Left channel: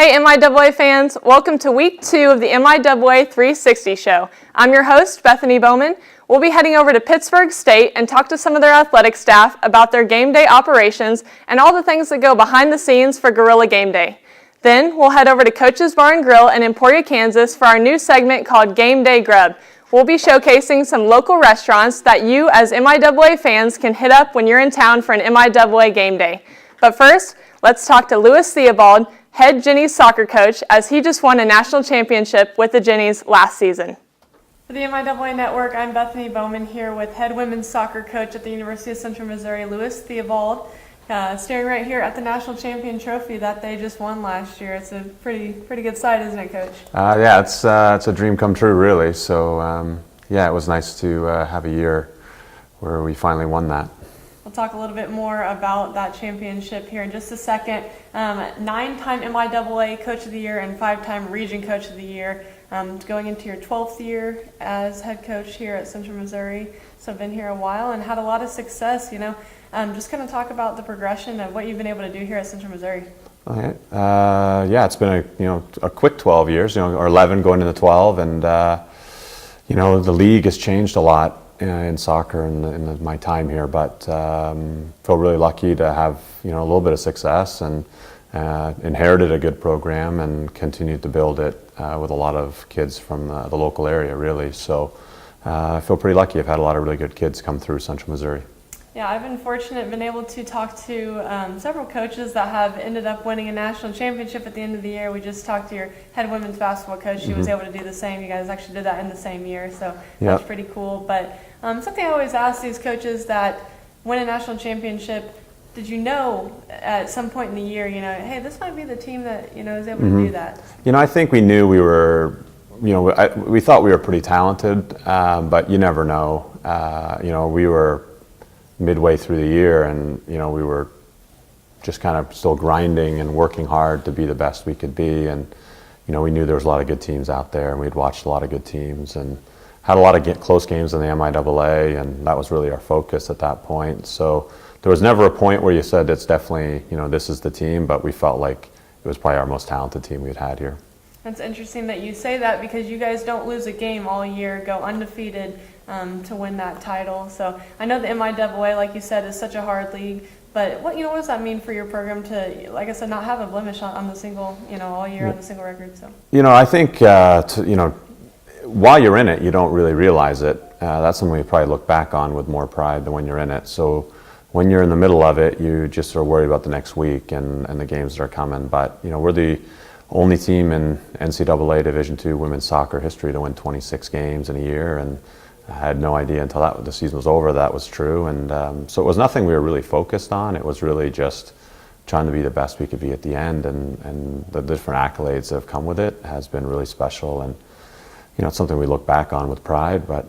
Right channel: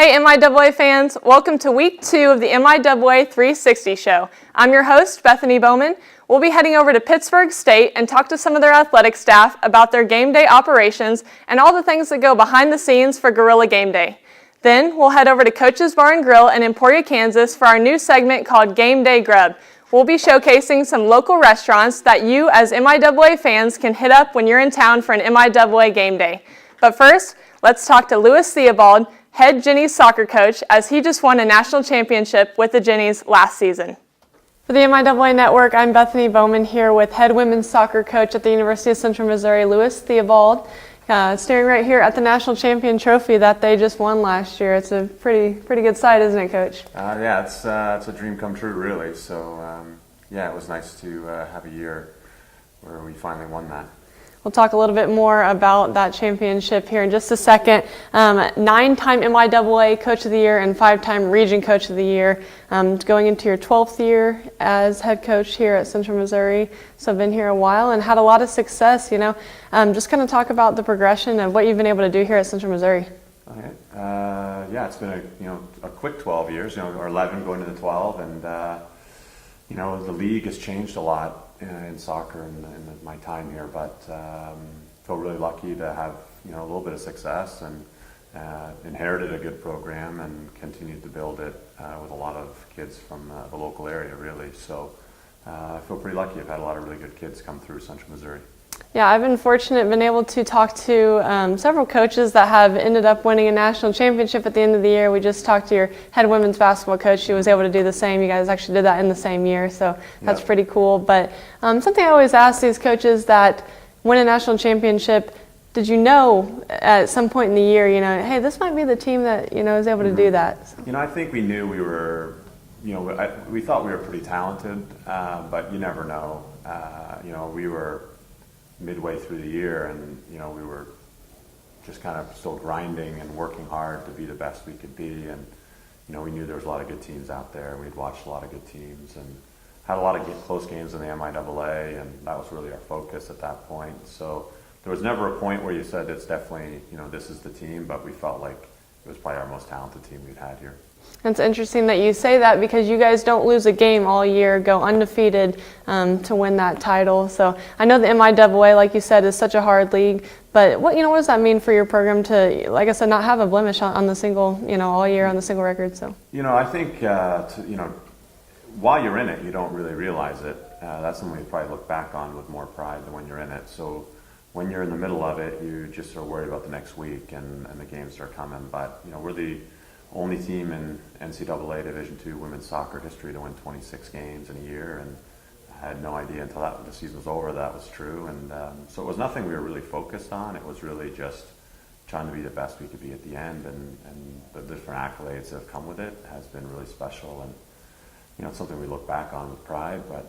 Hey MIAA fans, welcome to week 2 of the MIAA 360 show. I'm your host, Bethany Bowman. We'll be heading over to Pittsburg State and talk to some of their athletic staff about their game day operations and all the things that go behind the scenes for Gorilla Game Day. Then we'll head over to Coach's Bar and Grill in Emporia, Kansas for our new segment called Gameday Grub. We'll be showcasing some local restaurants that you as MIAA fans can hit up when you're in town for an MIAA game day. But first, let's talk to Lewis Theobald, head Jennies soccer coach, as he just won a national championship with the Jennies last season. For the MIAA Network, I'm Bethany Bowman here with head women's soccer coach at the University of Central Missouri, Lewis Theobald, staring right here at the national champion trophy that they just won last year. It's a pretty good sight, isn't it, Coach? Yeah, it's a dream come true, really. So, yeah, it was nice to have a year where we finally won that. We'll talk a little bit more about that championship here in just a second. 9-time MIAA Coach of the Year and 5-time Region Coach of the Year. Going into your 12th year as head coach here at Central Missouri. So I've been here a while and had a lot of success, Just kind of talk about the progression of what you've been able to do here at Central Missouri. Okay. Yeah, it's been a quick 12 years, or 11 going into 12, and the league has changed a lot in soccer in my time here, but feel really lucky to have a little bit of success and inherited a good program and continued to build it with a lot of kids from the local area, really. So I feel pretty lucky. I've had a lot of really good kids come through Central Missouri. Yeah, I've been fortunate, been able to talk to several coaches that have ended up winning a national championship at the end of the year. We just talked to your head women's basketball coach. She was able to do the same. You guys actually did that in the same year, so that's pretty cool. But something I always ask these coaches that win a national championship, did you know at some point in the year, hey, this might be the team that, is able to do that? I think we knew we were, we thought we were pretty talented, but you never know. We were midway through the year, and we were just kind of still grinding and working hard to be the best we could be, and we knew there was a lot of good teams out there, and we'd watched a lot of good teams and had a lot of close games in the MIAA, and that was really our focus at that point. So there was never a point where you said it's definitely this is the team, but we felt like it was probably our most talented team we'd had here. It's interesting that you say that because you guys don't lose a game all year, go undefeated to win that title. So I know the MIAA, like you said, is such a hard league. But what does that mean for your program to, like I said, not have a blemish on the single, all year on the single record? So I think while you're in it, you don't really realize it. That's something you probably look back on with more pride than when you're in it. So when you're in the middle of it, you just are worried about the next week and the games that are coming. But we're the only team in NCAA Division II women's soccer history to win 26 games in a year, and I had no idea until the season was over that was true. And so it was nothing we were really focused on. It was really just trying to be the best we could be at the end, and the different accolades that have come with it has been really special, and it's something we look back on with pride. But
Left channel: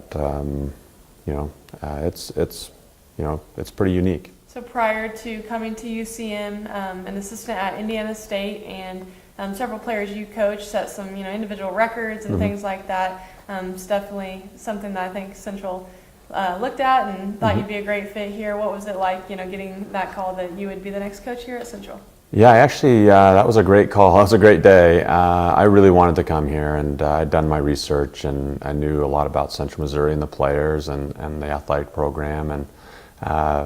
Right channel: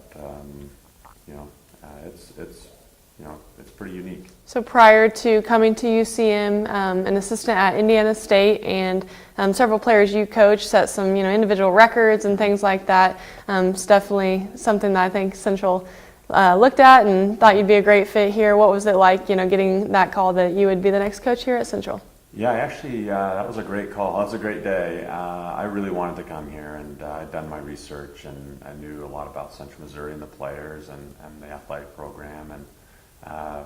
it's pretty unique. So prior to coming to UCM, an assistant at Indiana State, and several players you coached, set some individual records and things like that. It's definitely something that I think Central looked at and thought you'd be a great fit here. What was it like, getting that call that you would be the next coach here at Central? Yeah, actually, that was a great call. That was a great day. I really wanted to come here, and I'd done my research, and I knew a lot about Central Missouri and the players and the athletic program. And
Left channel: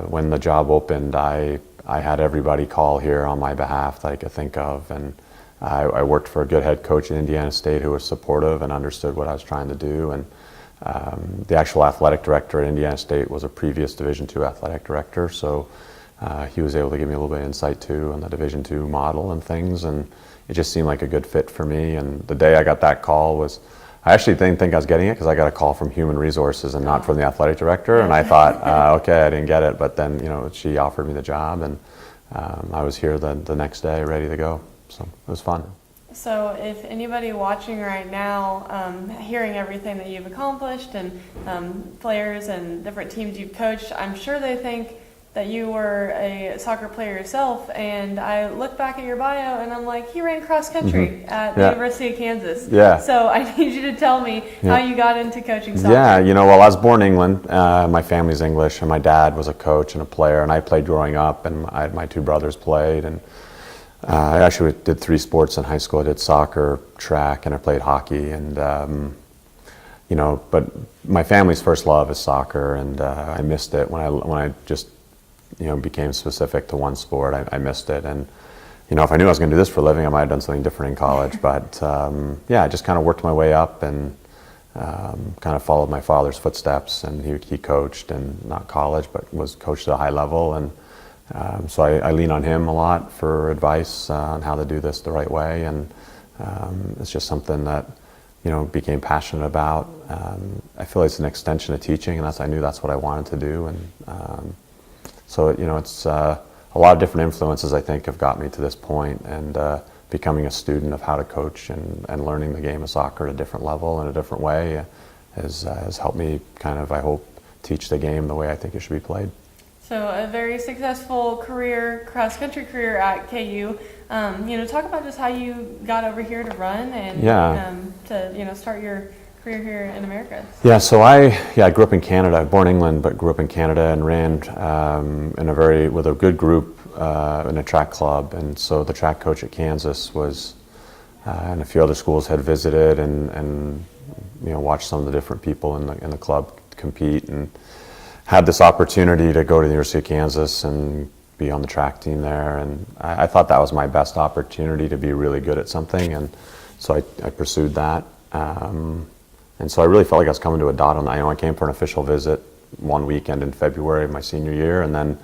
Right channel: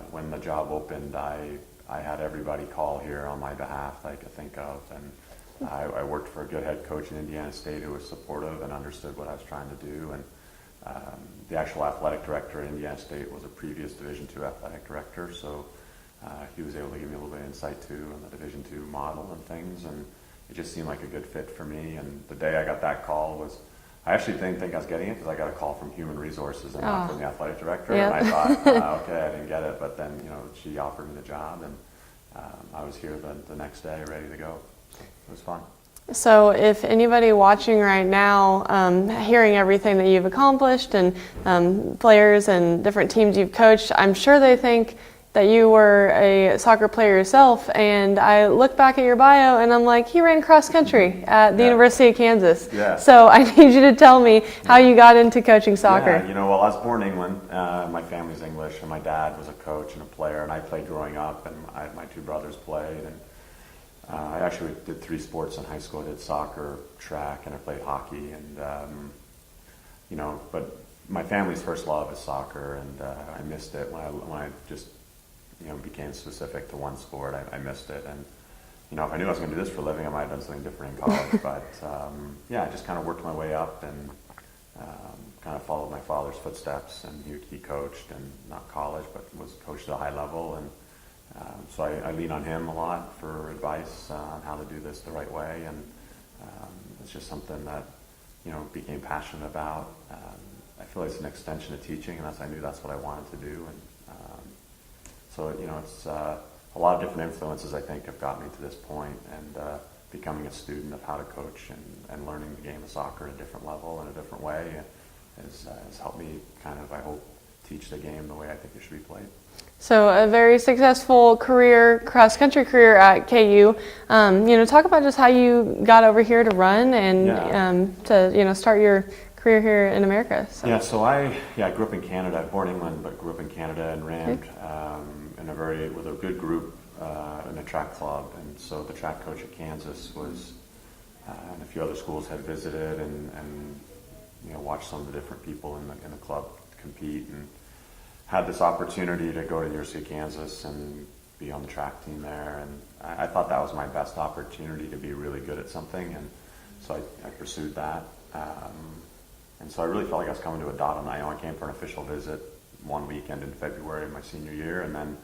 when the job opened, I had everybody call here on my behalf that I could think of, and I worked for a good head coach in Indiana State who was supportive and understood what I was trying to do. And the actual athletic director at Indiana State was a previous Division II athletic director, so he was able to give me a little bit of insight too on the Division II model and things, and it just seemed like a good fit for me. And the day I got that call I actually didn't think I was getting it because I got a call from Human Resources and not from the athletic director, and I thought, okay, I didn't get it, but then she offered me the job, and I was here the next day ready to go, so it was fun. So if anybody watching right now, hearing everything that you've accomplished and players and different teams you've coached, I'm sure they think that you were a soccer player yourself, and I look back at your bio and I'm like, he ran cross country at the University of Kansas. Yeah. So I need you to tell me how you got into coaching soccer. Yeah, well, I was born in England. My family's English, and my dad was a coach and a player, and I played growing up, and my two brothers played, and I actually did 3 sports in high school. I did soccer, track, and I played hockey. And but my family's first love is soccer, and I missed it when I just became specific to one sport. I missed it, and if I knew I was going to do this for a living, I might have done something different in college. But I just kind of worked my way up and kind of followed my father's footsteps. And he coached, and not college, but was coached at a high level. And so I lean on him a lot for advice on how to do this the right way. And it's just something that became passionate about. I feel like it's an extension of teaching, and I knew that's what I wanted to do. And so it's a lot of different influences, I think, have got me to this point. And becoming a student of how to coach and learning the game of soccer at a different level in a different way has helped me kind of, I hope, teach the game the way I think it should be played. So a very successful career, cross-country career at KU. Talk about just how you got over here to run and to start your career here in America. Yeah, so I grew up in Canada, born in England, but grew up in Canada and ran with a good group in a track club. And so the track coach at Kansas was, and a few other schools had visited and watched some of the different people in the club compete, and had this opportunity to go to the University of Kansas and be on the track team there. And I thought that was my best opportunity to be really good at something. And so I pursued that. And so I really felt like I was coming to a dot on that. I came for an official visit one weekend in February of my senior year, and then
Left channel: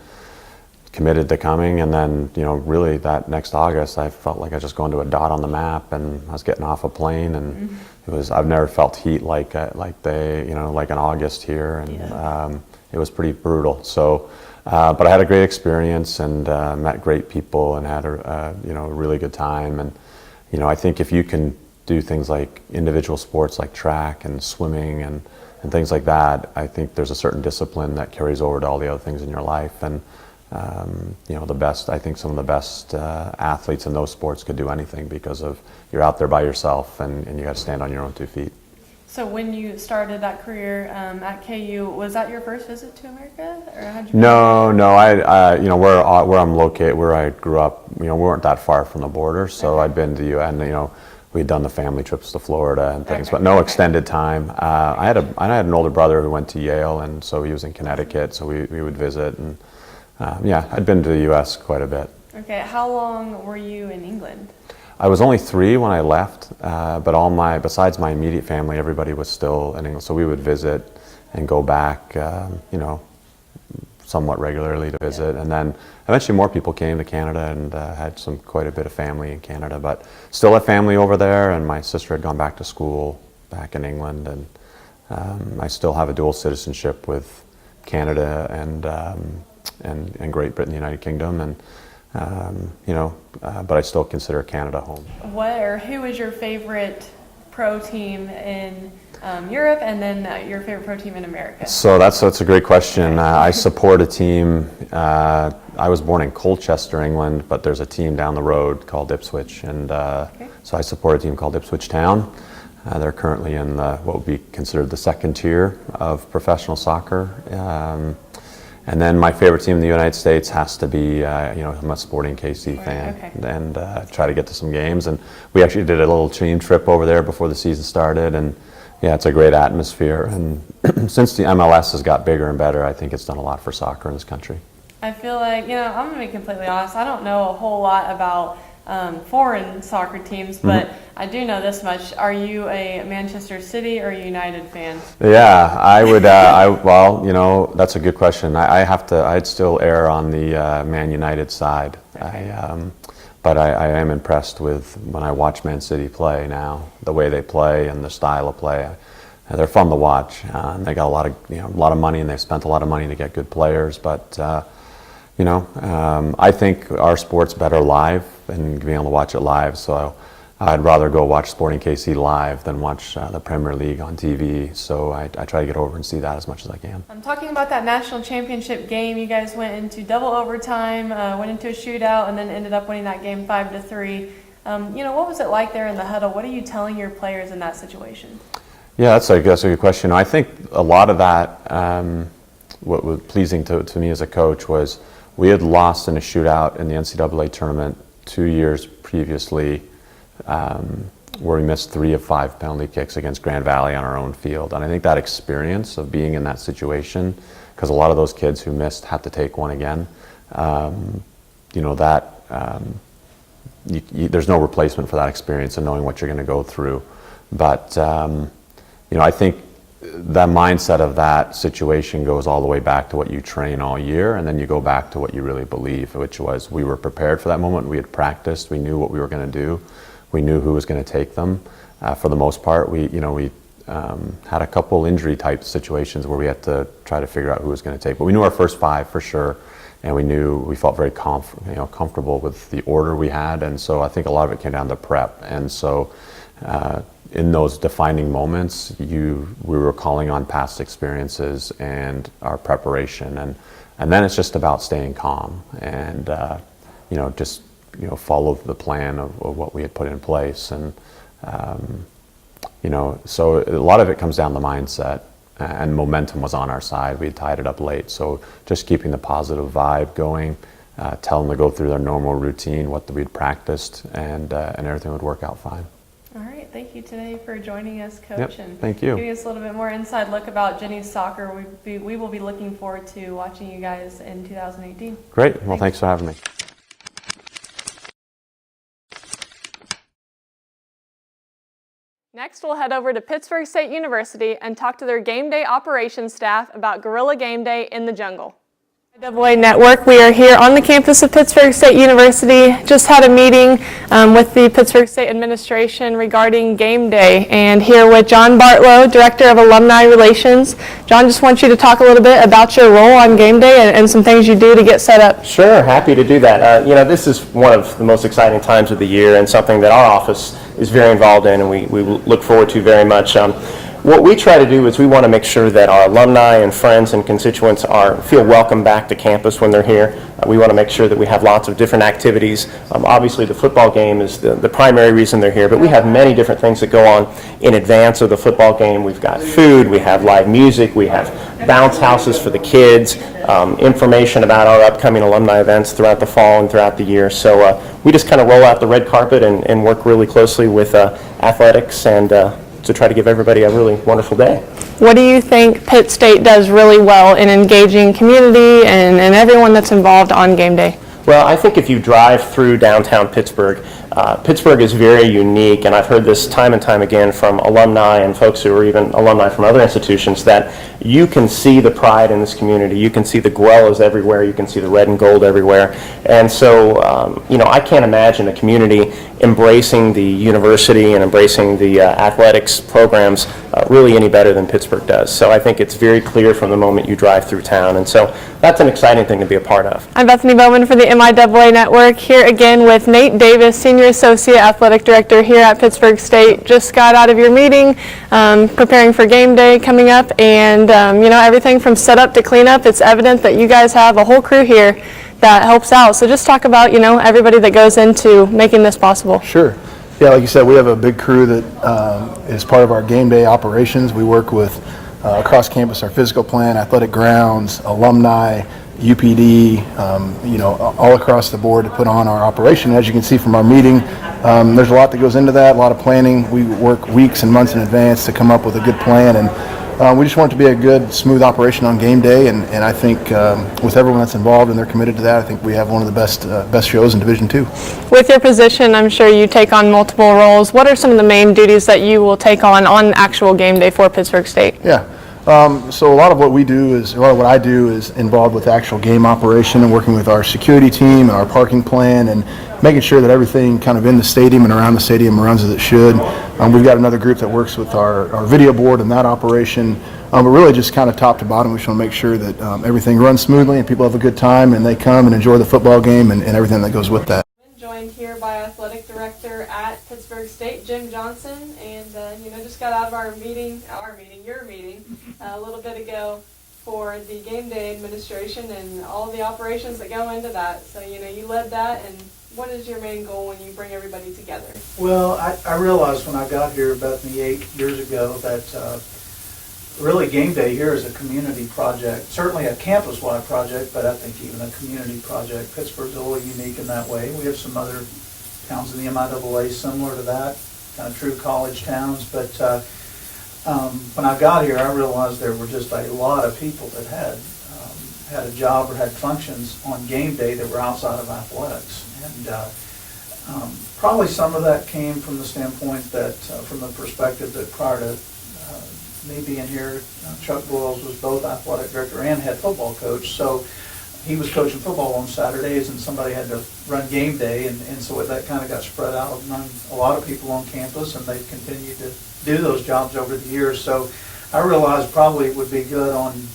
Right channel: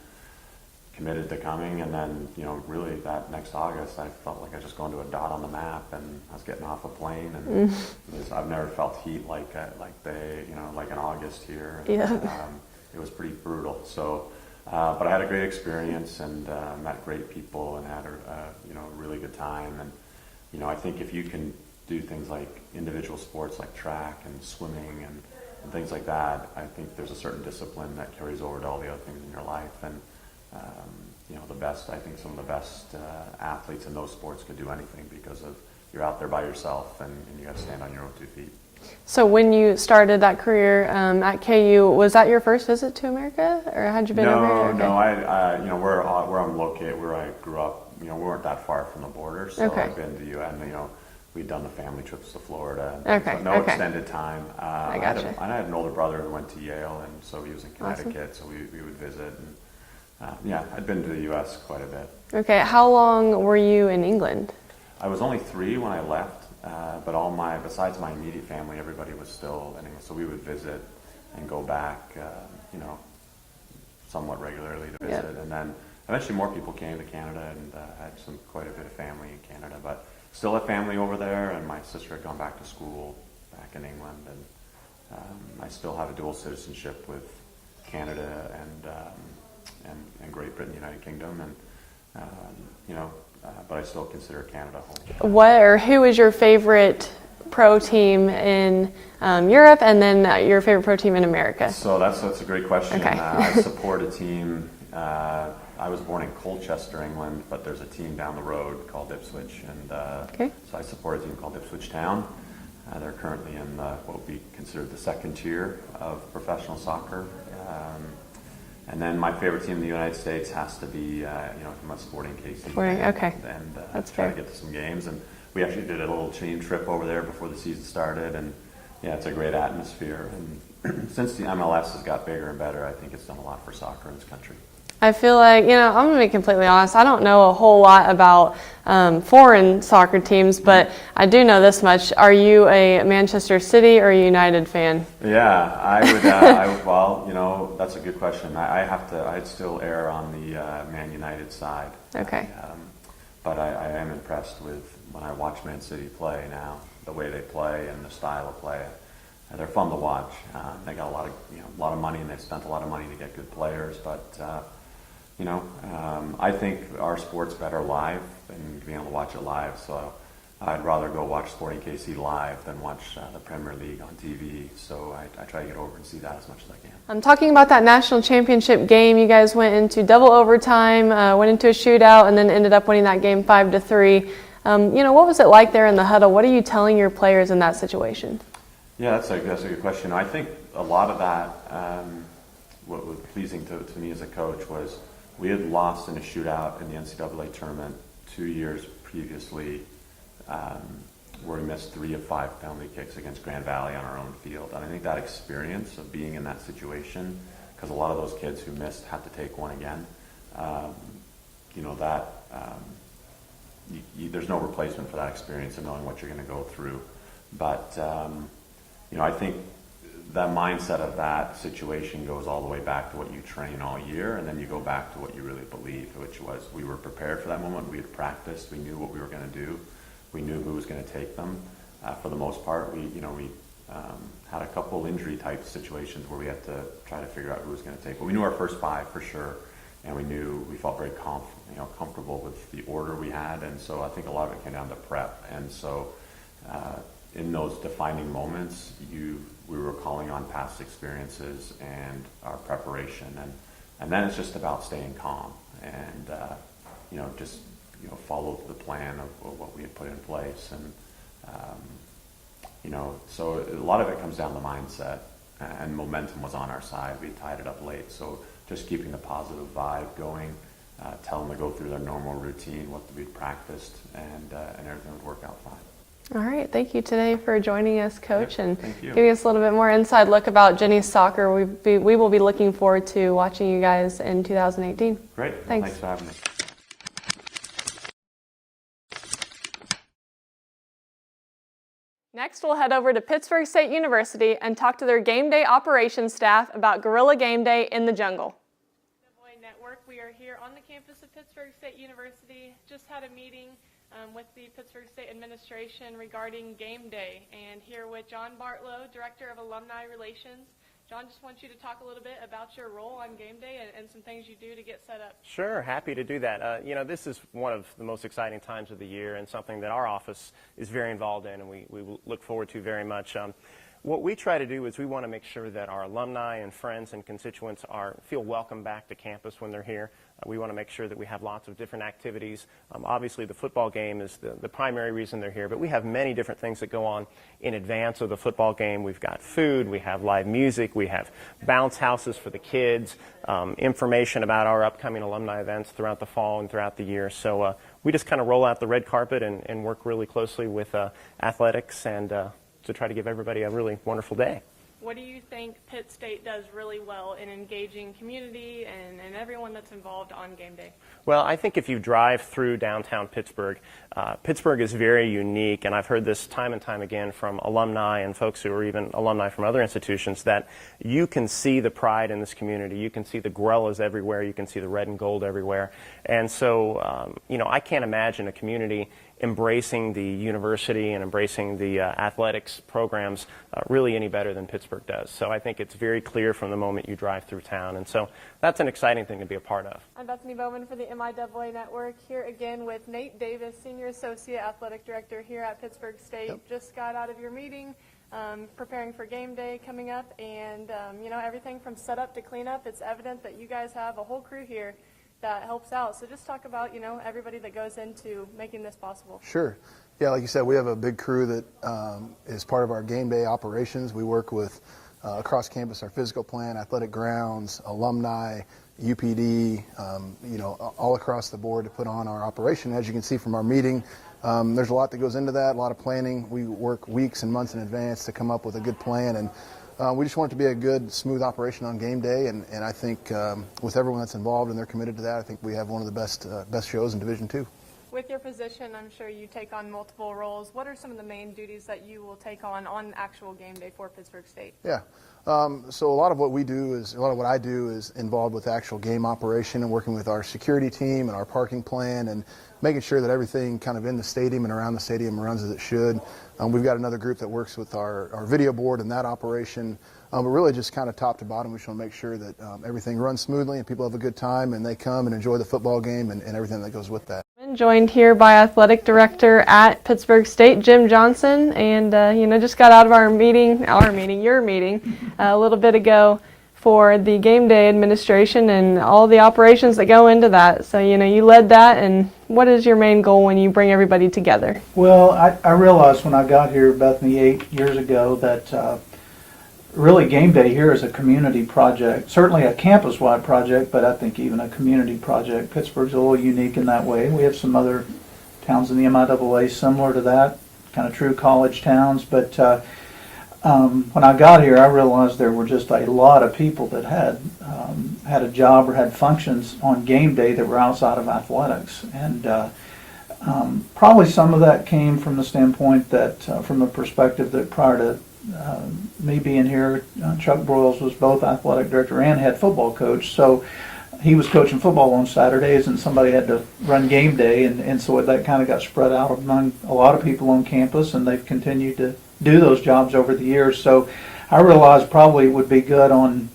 committed to coming. And then, really that next August, I felt like I was just going to a dot on the map, and I was getting off a plane, and I've never felt heat like an August here. And, it was pretty brutal. So, but I had a great experience and met great people and had a really good time. And I think if you can do things like individual sports like track and swimming and things like that, I think there's a certain discipline that carries over to all the other things in your life. And I think some of the best athletes in those sports could do anything because of you're out there by yourself and you got to stand on your own 2 feet. So when you started that career at KU, was that your first visit to America, or how'd you? No. I where I'm located, where I grew up, we weren't that far from the border, so I'd been to and we'd done the family trips to Florida and things, but no extended time. I had an older brother who went to Yale, and so he was in Connecticut, so we would visit, and I'd been to the U.S. quite a bit. Okay, how long were you in England? I was only 3 when I left, but besides my immediate family, everybody was still in England. So we would visit and go back, somewhat regularly to visit. And then eventually more people came to Canada and had quite a bit of family in Canada, but still had family over there. And my sister had gone back to school back in England, and I still have a dual citizenship with Canada and Great Britain, the United Kingdom, and but I still consider Canada home. Who is your favorite pro team in Europe, and then your favorite pro team in America? So that's a great question. Okay. I support a team. I was born in Colchester, England, but there's a team down the road called Ipswich, and so I support a team called Ipswich Town. They're currently in what would be considered the second tier of professional soccer. And then my favorite team in the United States has to be, I'm a Sporting KC fan, and try to get to some games. And we actually did a little team trip over there before the season started, and it's a great atmosphere. And since the MLS has got bigger and better, I think it's done a lot for soccer in this country. I feel like, I'm going to be completely honest, I don't know a whole lot about foreign soccer teams, but I do know this much. Are you a Manchester City or a United fan? Yeah, I would, that's a good question. I'd still err on the Man United side. Okay. But I am impressed with when I watch Man City play now, the way they play and the style of play. They're fun to watch. They got a lot of money, and they've spent a lot of money to get good players, but I think our sport's better live and being able to watch it live. So I'd rather go watch Sporting KC live than watch the Premier League on TV. So I try to get over and see that as much as I can. I'm talking about that national championship game. You guys went into double overtime, went into a shootout, and then ended up winning that game 5-3. What was it like there in the huddle? What are you telling your players in that situation? Yeah, that's a good question. I think a lot of that, what was pleasing to me as a coach was we had lost in a shootout in the NCAA tournament 2 years previously where we missed 3 of 5 penalty kicks against Grand Valley on our own field. And I think that experience of being in that situation, because a lot of those kids who missed had to take one again, there's no replacement for that experience and knowing what you're going to go through. But I think the mindset of that situation goes all the way back to what you train all year, and then you go back to what you really believe, which was we were prepared for that moment. We had practiced. We knew what we were going to do. We knew who was going to take them. For the most part, we had a couple injury type situations where we had to try to figure out who was going to take. But we knew our first 5 for sure, and we felt very comfortable with the order we had. And so I think a lot of it came down to prep. And so in those defining moments, we were calling on past experiences and our preparation, and then it's just about staying calm and follow the plan of what we had put in place. And so a lot of it comes down to mindset, and momentum was on our side. We had tied it up late, so just keeping the positive vibe going, tell them to go through their normal routine, what we'd practiced, and everything would work out fine. All right, thank you today for joining us, Coach, and thank you. giving us a little bit more inside look about Jenny's soccer. We will be looking forward to watching you guys in 2018. Great. Well, thanks for having me. Next, we'll head over to Pittsburg State University and talk to their game day operations staff about Guerrilla Game Day in the jungle. MIAA Network, we are here on the campus of Pittsburg State University. Just had a meeting with the Pittsburg State administration regarding game day, and here with John Bartlow, Director of Alumni Relations. John, just want you to talk a little bit about your role on game day and some things you do to get set up. Sure, happy to do that. This is one of the most exciting times of the year and something that our office is very involved in, and we look forward to very much. What we try to do is we want to make sure that our alumni and friends and constituents feel welcome back to campus when they're here. We want to make sure that we have lots of different activities. Obviously, the football game is the primary reason they're here, but we have many different things that go on in advance of the football game. We've got food, we have live music, we have bounce houses for the kids, information about our upcoming alumni events throughout the fall and throughout the year. So we just kind of roll out the red carpet and work really closely with athletics and to try to give everybody a really wonderful day. What do you think Pitt State does really well in engaging community and everyone that's involved on game day? Well, I think if you drive through downtown Pittsburgh, Pittsburgh is very unique, and I've heard this time and time again from alumni and folks who are even alumni from other institutions, that you can see the pride in this community. You can see the guerrillas everywhere. You can see the red and gold everywhere. And so, I can't imagine a community embracing the university and embracing the athletics programs really any better than Pittsburgh does. So I think it's very clear from the moment you drive through town. And so that's an exciting thing to be a part of. I'm Bethany Bowman for the MIAA Network, here again with Nate Davis, Senior Associate Athletic Director here at Pittsburg State. Just got out of your meeting, preparing for game day coming up, and everything from setup to cleanup. It's evident that you guys have a whole crew here that helps out. So just talk about everybody that goes into making this possible. Sure. Yeah, like you said, we have a big crew that is part of our game day operations. We work with across campus, our physical plan, athletic grounds, alumni, UPD, all across the board to put on our operation. As you can see from our meeting, there's a lot that goes into that, a lot of planning. We work weeks and months in advance to come up with a good plan, and we just want it to be a good, smooth operation on game day, and I think with everyone that's involved and they're committed to that, I think we have one of the best shows in Division II. With your position, I'm sure you take on multiple roles. What are some of the main duties that you will take on actual game day for Pittsburg State? Yeah. So a lot of what I do is involved with actual game operation and working with our security team and our parking plan and making sure that everything kind of in the stadium and around the stadium runs as it should. We've got another group that works with our video board and that operation. But really just kind of top to bottom, we just want to make sure that everything runs smoothly and people have a good time and they come and enjoy the football game and everything that goes with that. Joined here by Athletic Director at Pittsburg State, Jim Johnson, and just got out of your meeting a little bit ago for the game day administration and all the operations that go into that. So you led that, and what is your main goal when you bring everybody together? Well, I realized when I got here, Bethany, 8 years ago that, really Game Day here is a community project, certainly a campus-wide project, but I think even a community project. Pittsburgh's a little unique in that way. We have some other towns in the MIAA similar to that, kind of true college towns, but when I got here, I realized there were just a lot of people that had a job or had functions on game day that were outside of athletics, and probably some of that came from the standpoint that, from the perspective that prior to me being here, Chuck Broyles was both athletic director and head football coach, so he was coaching football on Saturdays, and somebody had to run game day, and so that kind of got spread out among a lot of people on campus, and they've continued to do those jobs over the years. So I realized probably it would be good on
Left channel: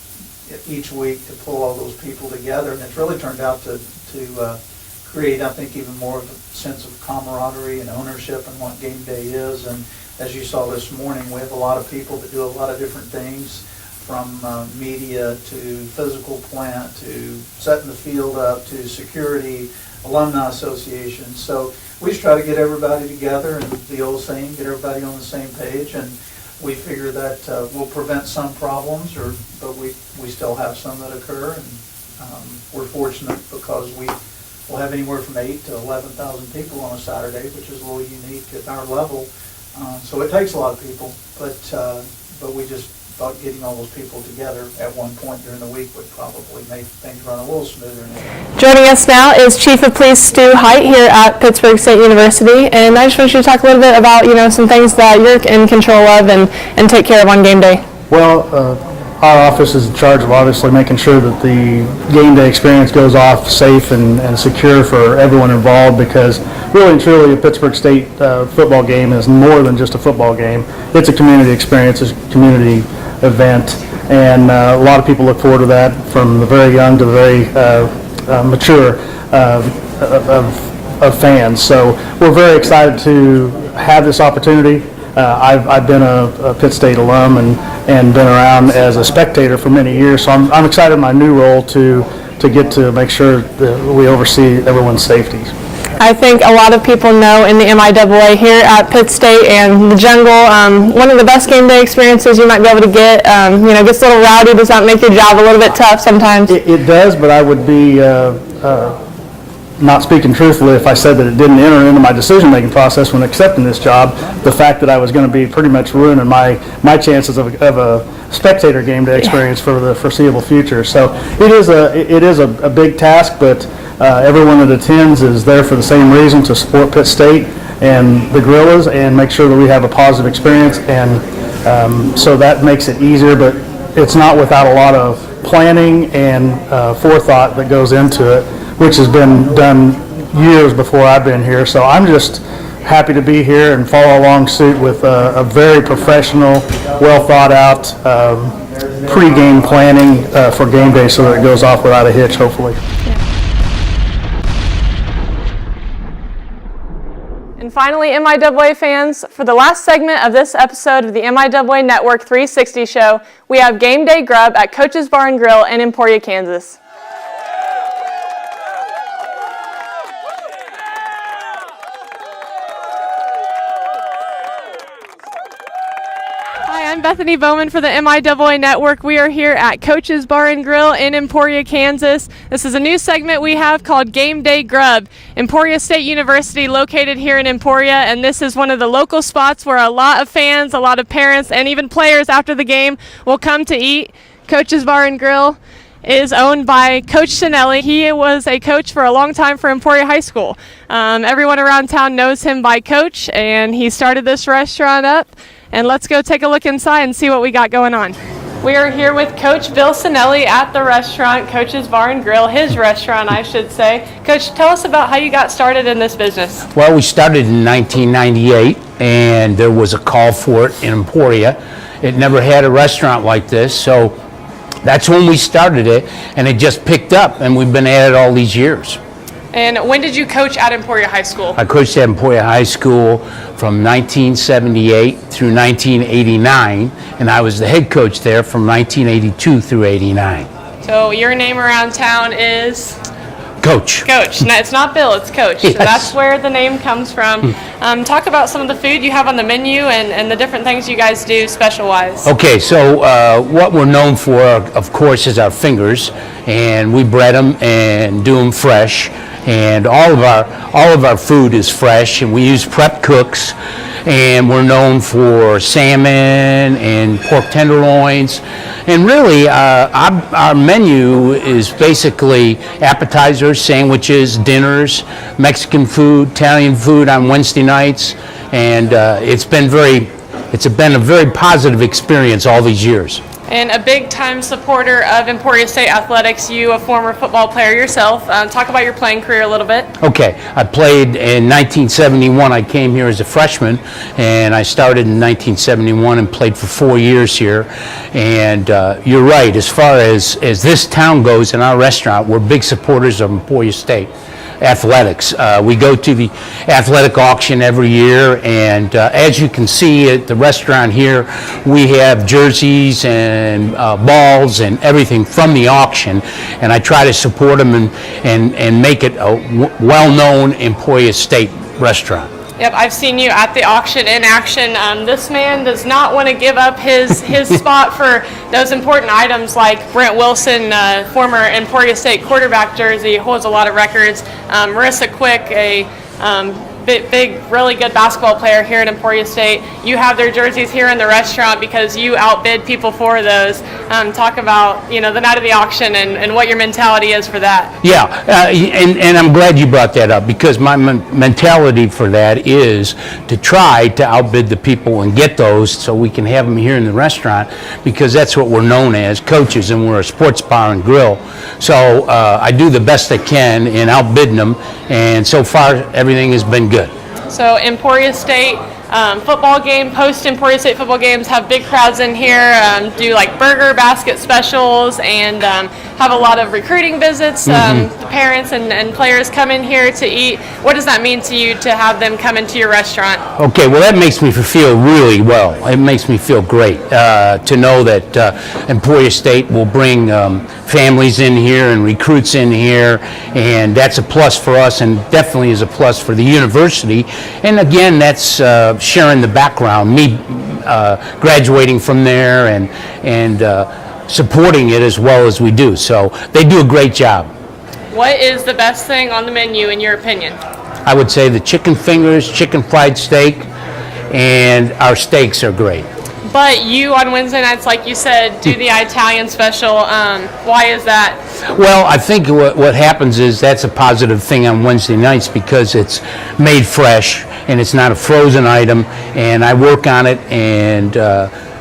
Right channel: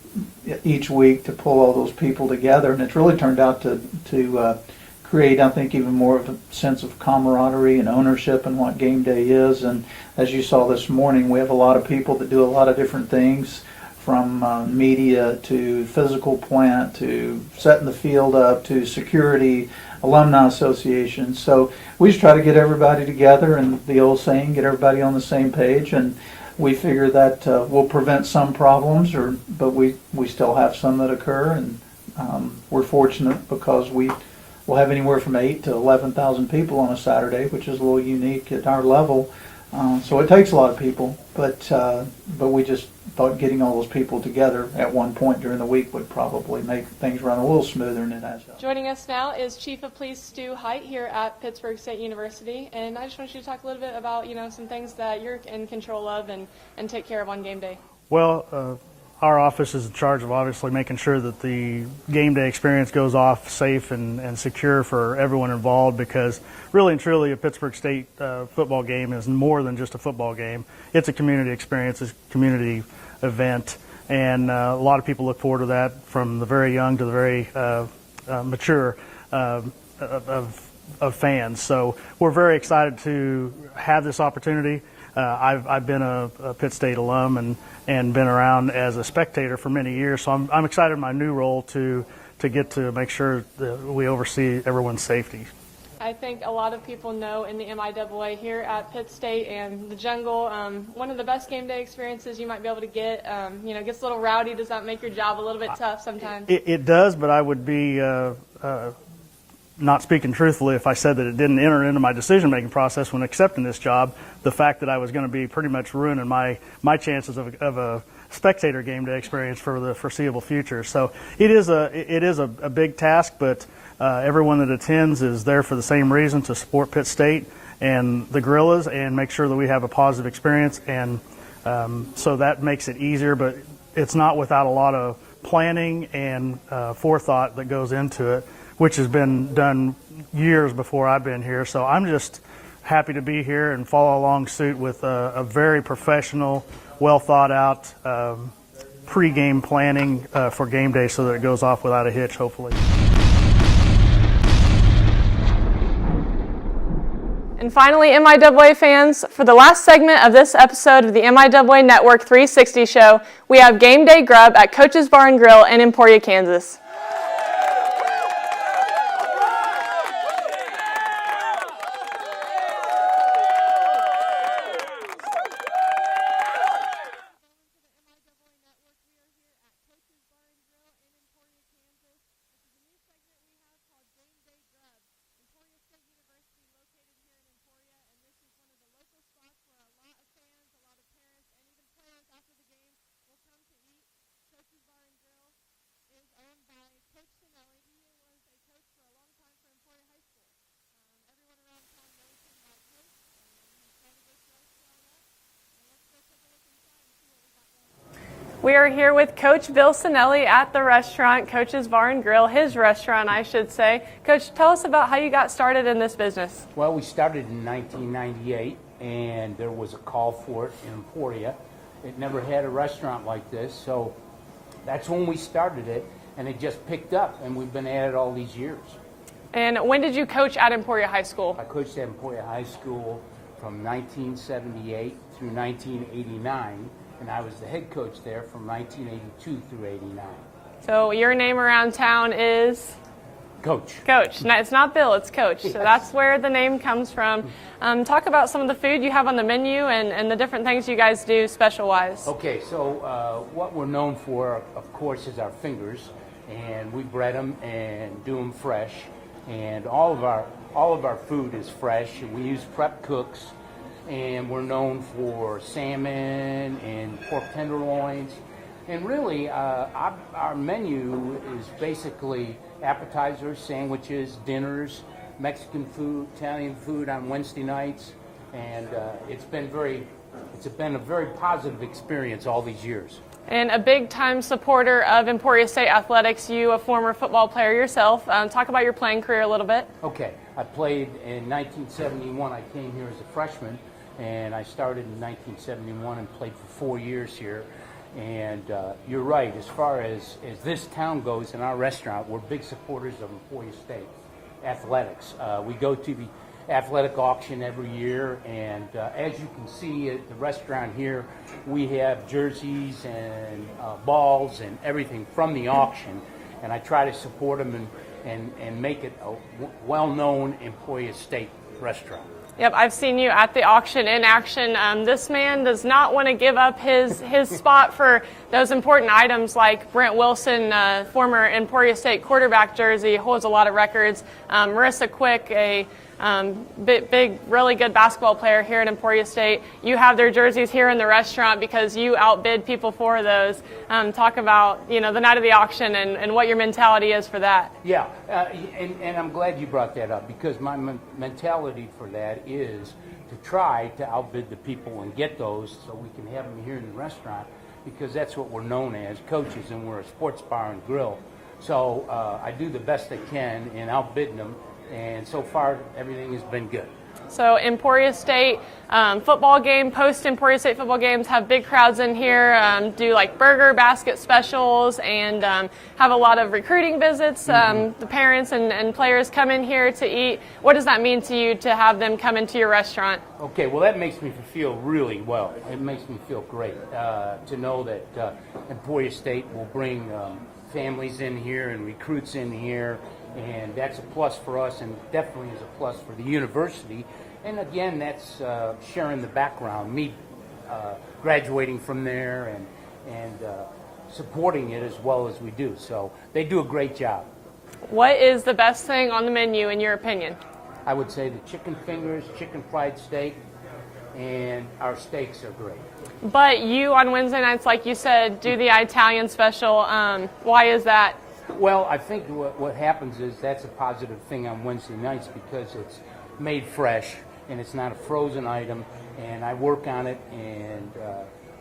each week to pull all those people together, and it's really turned out to create, I think, even more of a sense of camaraderie and ownership in what game day is. And as you saw this morning, we have a lot of people that do a lot of different things, from media to physical plant to setting the field up to security, alumni association. So we just try to get everybody together, and the old saying, get everybody on the same page, and we figure that will prevent some problems, but we still have some that occur, and we're fortunate because we'll have anywhere from 8,000 to 11,000 people on a Saturday, which is a little unique at our level. So it takes a lot of people, but we just thought getting all those people together at one point during the week would probably make things run a little smoother now. Joining us now is Chief of Police Stu Height here at Pittsburg State University, and I just want you to talk a little bit about some things that you're in control of and take care of on game day. Well, our office is in charge of obviously making sure that the game day experience goes off safe and secure for everyone involved, because really and truly a Pittsburg State football game is more than just a football game. It's a community experience, it's a community event, and a lot of people look forward to that, from the very young to the very mature of fans. So we're very excited to have this opportunity. I've been a Pitt State alum and been around as a spectator for many years, so I'm excited in my new role to get to make sure that we oversee everyone's safety. I think a lot of people know in the MIAA here at Pitt State and the Jungle, one of the best game day experiences you might be able to get. Gets a little rowdy. Does that make your job a little bit tough sometimes? It does, but I would be not speaking truthfully if I said that it didn't enter into my decision-making process when accepting this job. The fact that I was going to be pretty much ruining my chances of a spectator game day experience for the foreseeable future. So it is a big task, but everyone that attends is there for the same reason, to support Pitt State and the Gorillas and make sure that we have a positive experience, and so that makes it easier, but it's not without a lot of planning and forethought that goes into it, which has been done years before I've been here. So I'm just happy to be here and follow along suit with a very professional, well thought out pre-game planning for game day, so that it goes off without a hitch, hopefully. And finally, MIAA fans, for the last segment of this episode of the MIAA Network 360 show, we have Game Day Grub at Coach's Bar and Grill in Emporia, Kansas. I'm Bethany Bowman for the MIAA Network. We are here at Coach's Bar and Grill in Emporia, Kansas. This is a new segment we have called Game Day Grub. Emporia State University located here in Emporia, and this is one of the local spots where a lot of fans, a lot of parents, and even players after the game will come to eat. Coach's Bar and Grill is owned by Coach Sinelli. He was a coach for a long time for Emporia High School. Everyone around town knows him by Coach, and he started this restaurant up. And let's go take a look inside and see what we got going on. We are here with Coach Bill Sinelli at the restaurant, Coach's Bar and Grill, his restaurant, I should say. Coach, tell us about how you got started in this business. Well, we started in 1998, and there was a call for it in Emporia. It never had a restaurant like this, so that's when we started it, and it just picked up, and we've been at it all these years. And when did you coach at Emporia High School? I coached at Emporia High School from 1978 through 1989, and I was the head coach there from 1982 through 89. So your name around town is? Coach. Coach. No, it's not Bill, it's Coach. Yes. So that's where the name comes from. Talk about some of the food you have on the menu and the different things you guys do special-wise. Okay, so what we're known for, of course, is our fingers, and we bread them and do them fresh. And all of our food is fresh, and we use prep cooks. And we're known for salmon and pork tenderloins. And really, our menu is basically appetizers, sandwiches, dinners, Mexican food, Italian food on Wednesday nights. And it's been a very positive experience all these years. And a big-time supporter of Emporia State athletics, you, a former football player yourself. Talk about your playing career a little bit. Okay, I played in 1971. I came here as a freshman, and I started in 1971 and played for 4 years here. And you're right, as far as this town goes in our restaurant, we're big supporters of Emporia State athletics. We go to the athletic auction every year, and as you can see at the restaurant here, we have jerseys and balls and everything from the auction, and I try to support them and make it a well-known Emporia State restaurant. Yep, I've seen you at the auction in action. This man does not want to give up his spot for those important items like Brent Wilson, former Emporia State quarterback jersey, holds a lot of records. Marissa Quick, a big, really good basketball player here at Emporia State. You have their jerseys here in the restaurant because you outbid people for those. Talk about the night of the auction and what your mentality is for that. Yeah, and I'm glad you brought that up because my mentality for that is to try to outbid the people and get those so we can have them here in the restaurant because that's what we're known as, coaches, and we're a sports bar and grill. So I do the best I can in outbidding them, and so far everything has been good. So Emporia State football game, post-Emporia State football games have big crowds in here, do like burger basket specials, and have a lot of recruiting visits. The parents and players come in here to eat. What does that mean to you to have them come into your restaurant? Okay, well that makes me feel really well. It makes me feel great to know that Emporia State will bring families in here and recruits in here, and that's a plus for us and definitely is a plus for the university. And again, that's sharing the background, me graduating from there and supporting it as well as we do. So they do a great job. What is the best thing on the menu in your opinion? I would say the chicken fingers, chicken fried steak, and our steaks are great. But you on Wednesday nights, like you said, do the Italian special. Why is that? Well, I think what happens is that's a positive thing on Wednesday nights because it's made fresh and it's not a frozen item, and I work on it and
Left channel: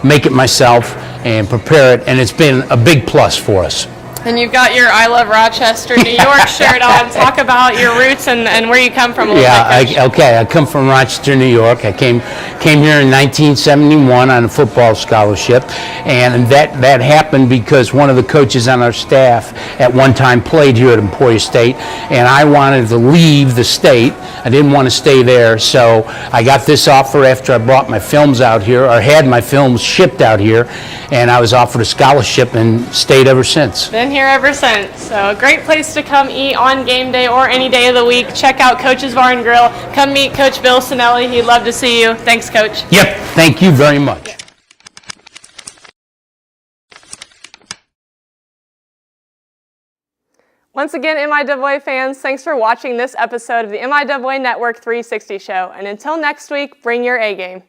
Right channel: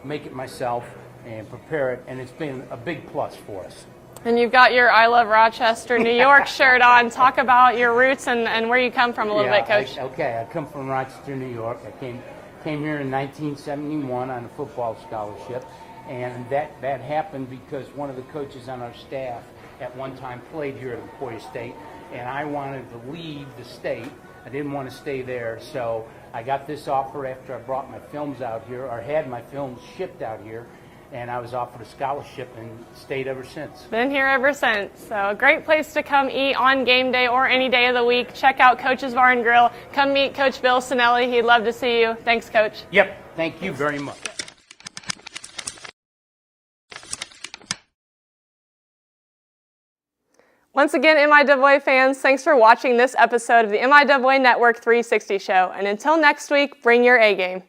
make it myself and prepare it, and it's been a big plus for us. And you've got your I Love Rochester, New York shirt on. Talk about your roots and where you come from a little bit, Coach. I come from Rochester, New York. I came here in 1971 on a football scholarship, and that happened because one of the coaches on our staff at one time played here at Emporia State, and I wanted to leave the state. I didn't want to stay there, so I got this offer after I brought my films out here, or had my films shipped out here, and I was offered a scholarship and stayed ever since. Been here ever since. So a great place to come eat on game day or any day of the week. Check out Coach's Bar and Grill. Come meet Coach Bill Sinelli. He'd love to see you. Thanks, Coach. Yep, thank you very much. Once again, MIAA fans, thanks for watching this episode of the MIAA Network 360 show. And until next week, bring your A game.